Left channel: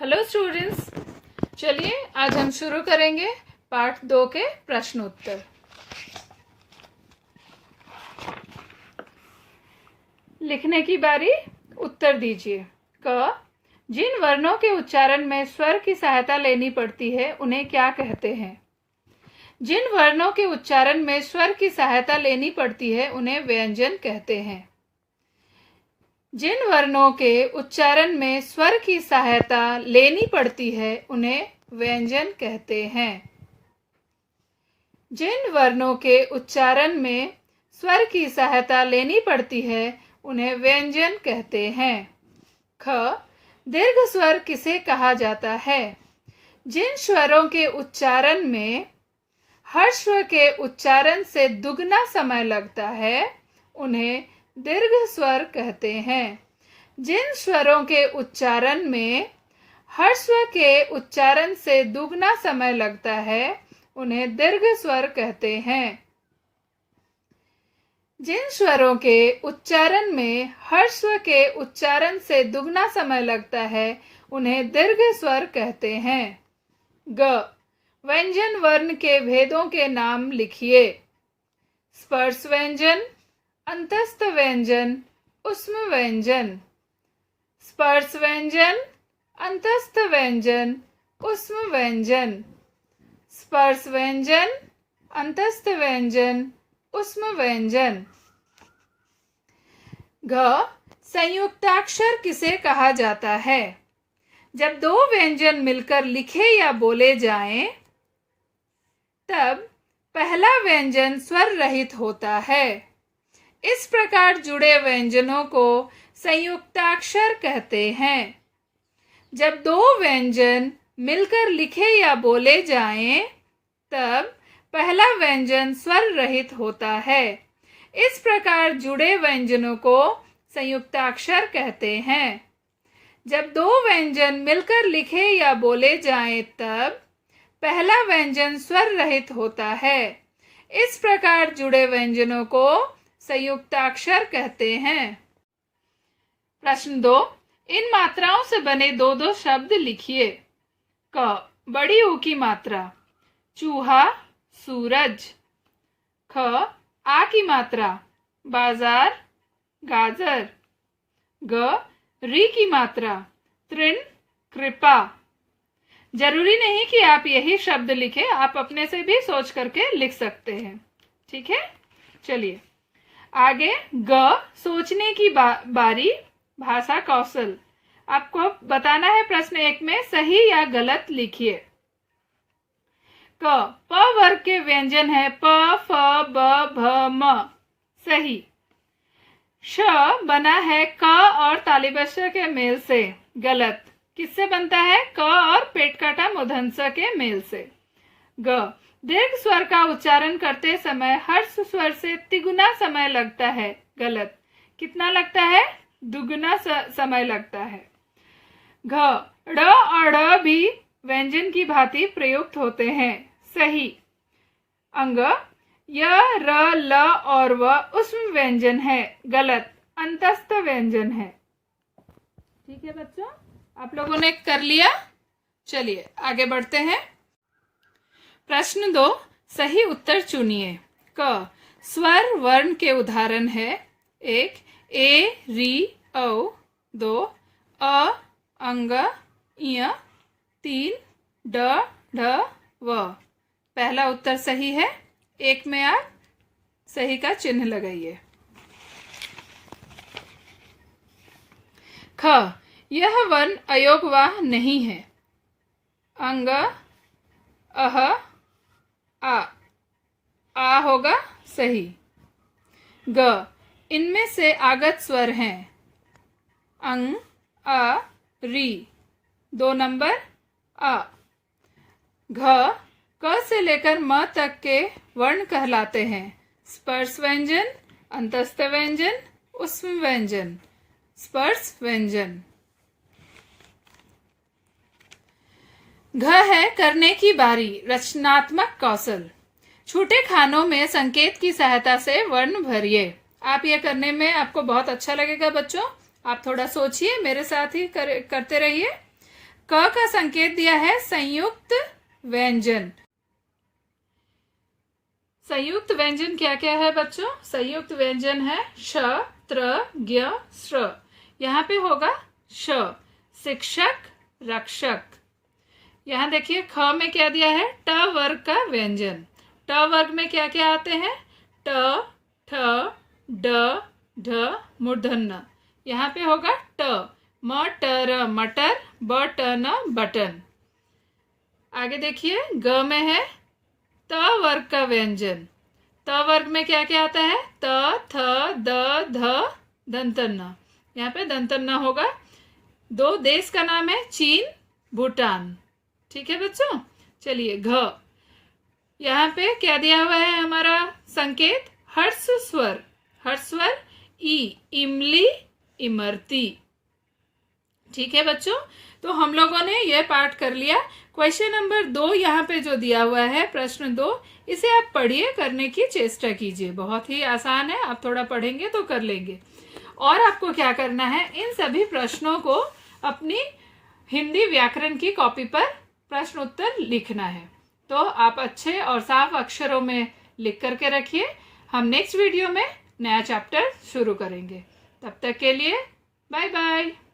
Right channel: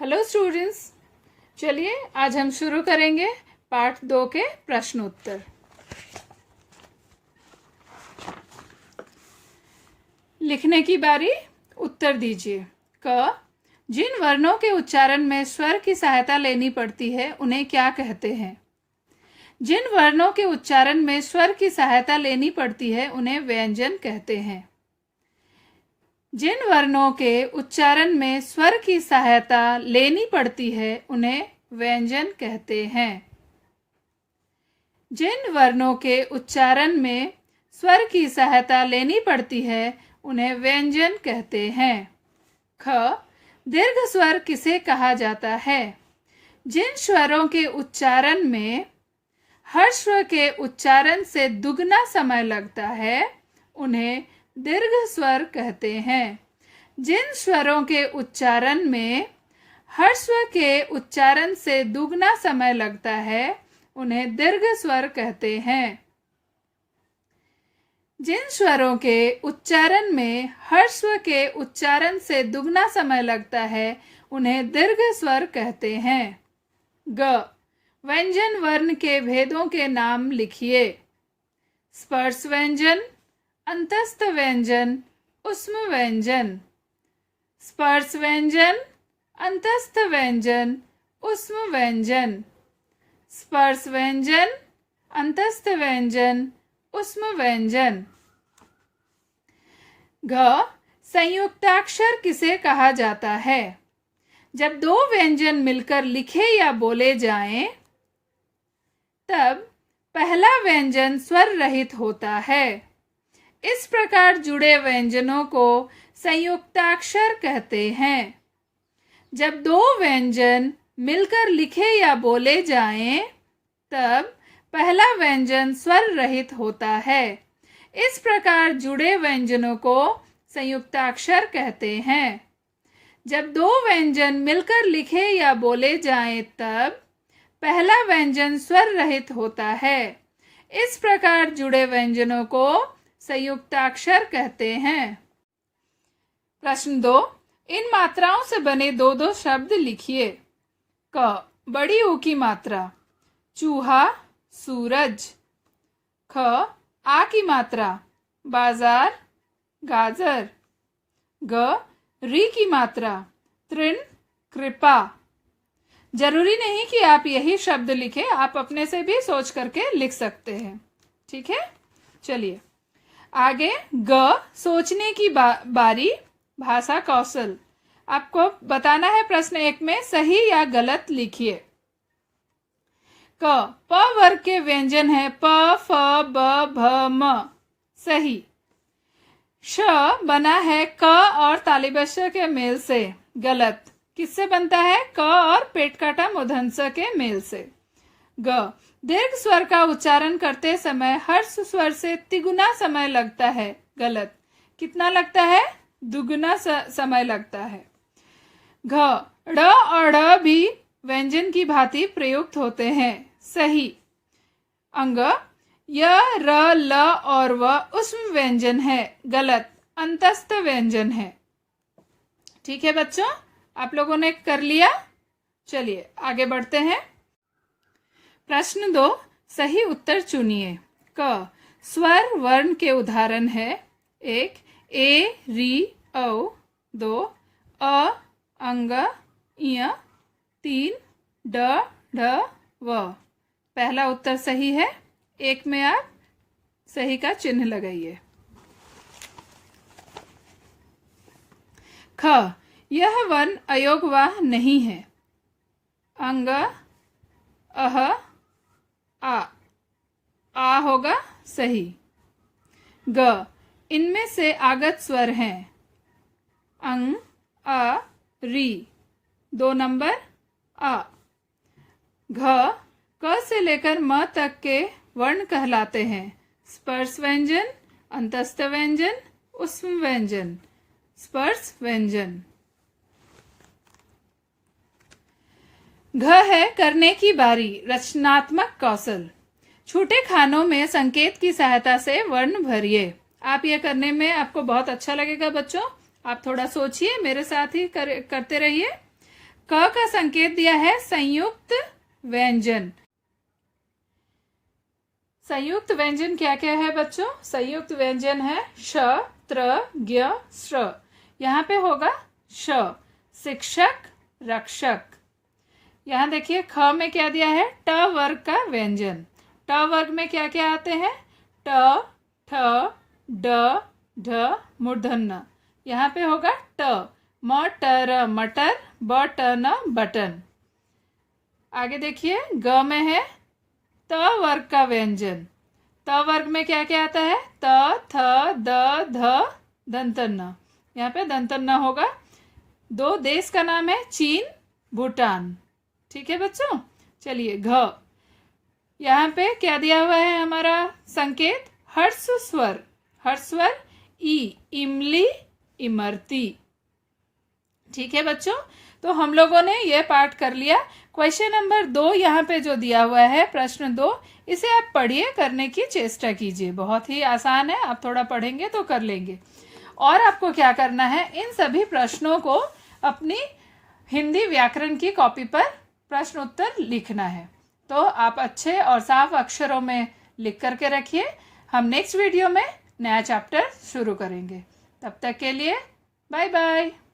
Hello students, चलिए आज हम शुरू करेंगे पार्ट 2 के प्रश्न उत्तर। लिखने की बारी, उत्तर दीजिए। क, जिन वर्णों के उच्चारण में स्वर की सहायता लेनी पड़ती है उन्हें क्या कहते हैं? जिन वर्णों के उच्चारण में स्वर की सहायता लेनी पड़ती है उन्हें व्यंजन कहते हैं। जिन वर्णों के उच्चारण में स्वर की सहायता लेनी पड़ती है उन्हें व्यंजन कहते हैं। जिन वर्णों के उच्चारण में स्वर की सहायता लेनी पड़ती है उन्हें व्यंजन कहते हैं। ख, दीर्घ स्वर किसे कहा जाता है? जिन स्वरों के उच्चारण में हर्ष स्वर के उच्चारण से दुगना समय लगता है उन्हें दीर्घ स्वर कहते हैं। जिन स्वरों के उच्चारण में हर्ष स्वर के उच्चारण से दुगना समय लगता है उन्हें दीर्घ स्वर कहते हैं। जिन स्वरों के उच्चारण में हर्ष स्वर के उच्चारण से दुगना समय लगता है उन्हें दीर्घ स्वर कहते हैं। ग, व्यंजन वर्ण के भेदों के नाम लिखिए। स्पर्श व्यंजन, अंतस्थ व्यंजन, ऊष्म व्यंजन। स्पर्श व्यंजन, अंतस्थ व्यंजन, ऊष्म व्यंजन। स्पर्श व्यंजन, अंतस्थ व्यंजन, ऊष्म व्यंजन। घ, संयुक्ताक्षर किसे कहा जाता है? जब दो व्यंजन मिलकर लिखे या बोले जाएं, तब पहला व्यंजन स्वर रहित होता है। इस प्रकार जुड़े व्यंजनों को संयुक्ताक्षर कहते हैं। जब दो व्यंजन मिलकर लिखे या बोले जाएं, तब पहला व्यंजन स्वर रहित होता है। इस प्रकार जुड़े व्यंजनों को संयुक्ताक्षर कहते हैं। जब दो व्यंजन मिलकर लिखे या बोले जाएं, तब पहला व्यंजन स्वर रहित होता है। इस प्रकार जुड़े व्यंजनों को संयुक्ताक्षर कहते हैं। प्रश्न 2, इन मात्राओं से बने दो दो शब्द लिखिए। क, बड़ी ऊ की मात्रा, चूहा, सूरज। ख, आ की मात्रा, बाजार, गाजर। ग, री की मात्रा, तृण, कृपा। जरूरी नहीं कि आप यही शब्द लिखें, आप अपने से भी सोच करके लिख सकते हैं। ठीक है, चलिए आगे। ग, सोचने की बारी, भाषा कौशल। आपको बताना है प्रश्न 1 में सही या गलत लिखिए। क, प वर्ग के व्यंजन है प, फ, ब, भ, म। सही। श बना है क और तालिबश के मेल से। गलत। किससे बनता है? क और पेट काटा मूर्धन्य ष के मेल से। ग, दीर्घ स्वर का उच्चारण करते समय हर्ष स्वर से तिगुना समय लगता है। गलत। कितना लगता है? दुगुना समय लगता है। घ, ड़ और ढ़ भी व्यंजन की भांति प्रयुक्त होते हैं। सही। अंग, य, र, ल और व ऊष्म व्यंजन है। गलत। अंतस्थ व्यंजन है। ठीक है बच्चों, आप लोगों ने कर लिया। चलिए आगे बढ़ते हैं। प्रश्न 2, सही उत्तर चुनिए। क, स्वर वर्ण के उदाहरण है। 1, ए, री, औ। 2, अ, अंग, इय। 3, ड, ढ, व। पहला उत्तर सही है। 1 में आप सही का चिन्ह लगाइए। ख, यह वर्ण अयोगवाह नहीं है। अंग, अह, आ होगा सही। ग, इनमें से आगत स्वर हैं। अंग, अ, री। 2 नंबर अ। घ, क से लेकर म तक के वर्ण कहलाते हैं। स्पर्श व्यंजन, अंतस्थ व्यंजन, ऊष्म व्यंजन। स्पर्श व्यंजन। घ है करने की बारी, रचनात्मक कौशल। छोटे खानों में संकेत की सहायता से वर्ण भरिए। आप ये करने में आपको बहुत अच्छा लगेगा बच्चों। आप थोड़ा सोचिए, मेरे साथ ही करते रहिए। क का संकेत दिया है संयुक्त व्यंजन। संयुक्त व्यंजन क्या क्या है बच्चों? संयुक्त व्यंजन है श, त्र, ज्ञ, श्र। यहाँ पे होगा श, शिक्षक, रक्षक। यहाँ देखिए ख में क्या दिया है? ट वर्ग का व्यंजन। ट वर्ग में क्या क्या आते हैं? ट, ठ, ड, ढ, मूर्धन्य। यहाँ पे होगा ट, म, ट, र, मटर, ब, ट, न, बटन। आगे देखिए ग में है त वर्ग का व्यंजन। त वर्ग में क्या क्या आता है? त, थ, द, ध, दंतन। यहाँ पे दंतन होगा। दो देश का नाम है चीन, भूटान। ठीक है बच्चों। चलिए घ, यहाँ पे क्या दिया हुआ है हमारा संकेत? हर्ष स्वर। हर्ष स्वर ई, इमली, इमरती। ठीक है बच्चों, तो हम लोगों ने ये पाठ कर लिया। क्वेश्चन नंबर 2 यहाँ पे जो दिया हुआ है, प्रश्न 2, इसे आप पढ़िए, करने की चेष्टा कीजिए। बहुत ही आसान है, आप थोड़ा पढ़ेंगे तो कर लेंगे। और आपको क्या करना है, इन सभी प्रश्नों को अपनी हिंदी व्याकरण की कॉपी पर प्रश्न उत्तर लिखना है। तो आप अच्छे और साफ अक्षरों में लिख करके रखिए। हम नेक्स्ट वीडियो में नया चैप्टर शुरू करेंगे। तब तक के लिए बाय बाय।